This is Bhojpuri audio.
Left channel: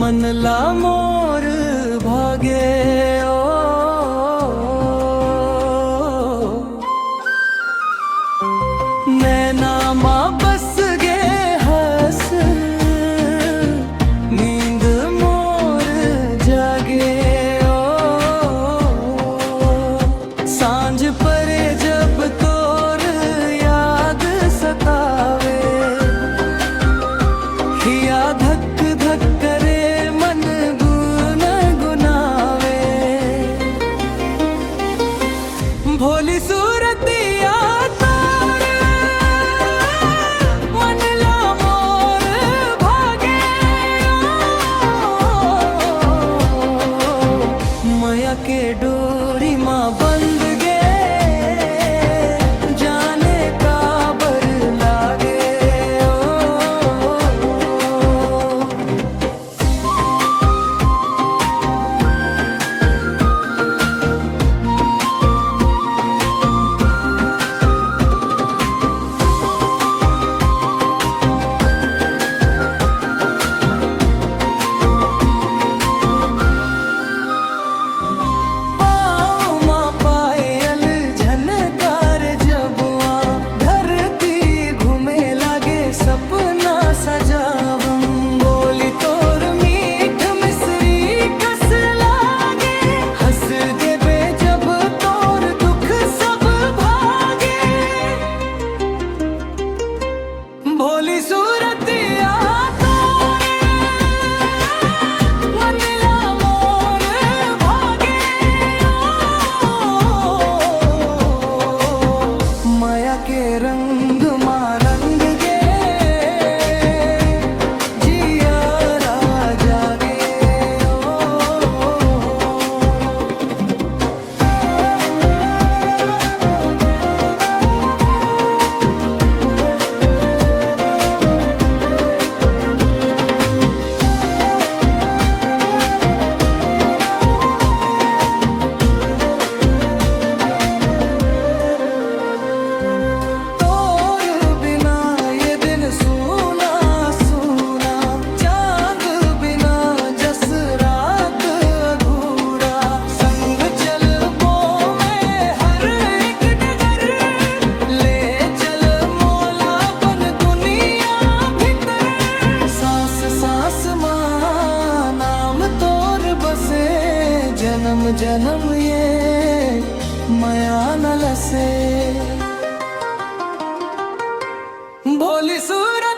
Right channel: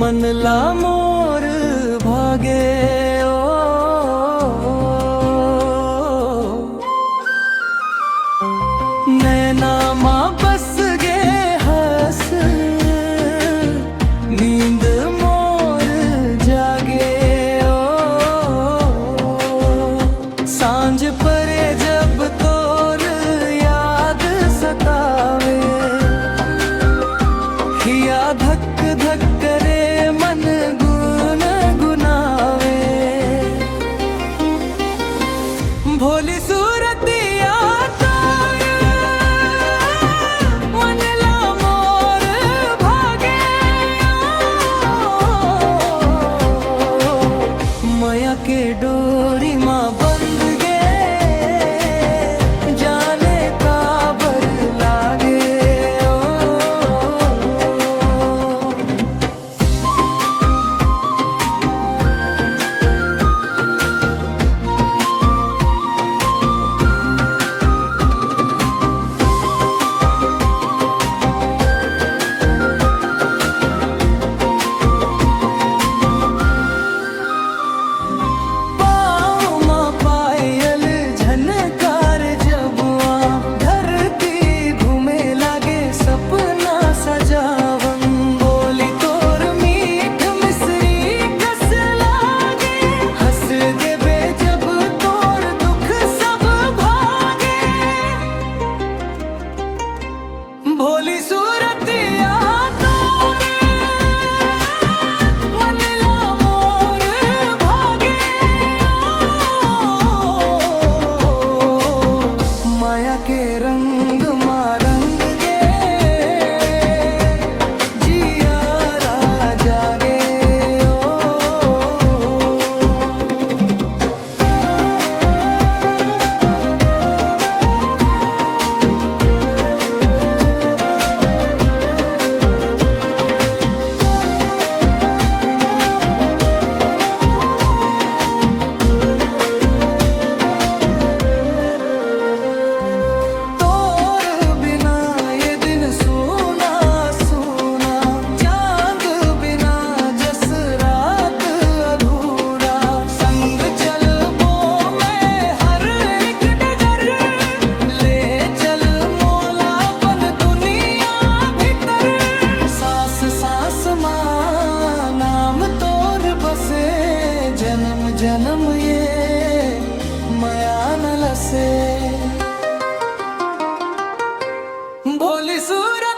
मनला मोर भागे ओ नैना माँ बस गे हस नींद मोर जागे ओ सांझ परे जब तोर याद सतावे हिया धक धक करे मन गुन गुनावे भोली सूरतिया तार मनला मोर भागे मया के डोरी माँ बंद गे जाने काबर लागे सपना सजावम बोली तोर मीठ मिसरी कस लागे हंस देबे जब तोर दुख सब भागे भोली सूरतिया तोर मनला मोर भागे माया के रंग मा रंग सूना सूना चांद बिना जस रात अधूरा संग चल वो मैं हर एक डगर ले चल मोलापन दुनिया भीतर सांस सांस मां नाम तोर बसे जन्म जन्म ये मया न लसे भोली सूरत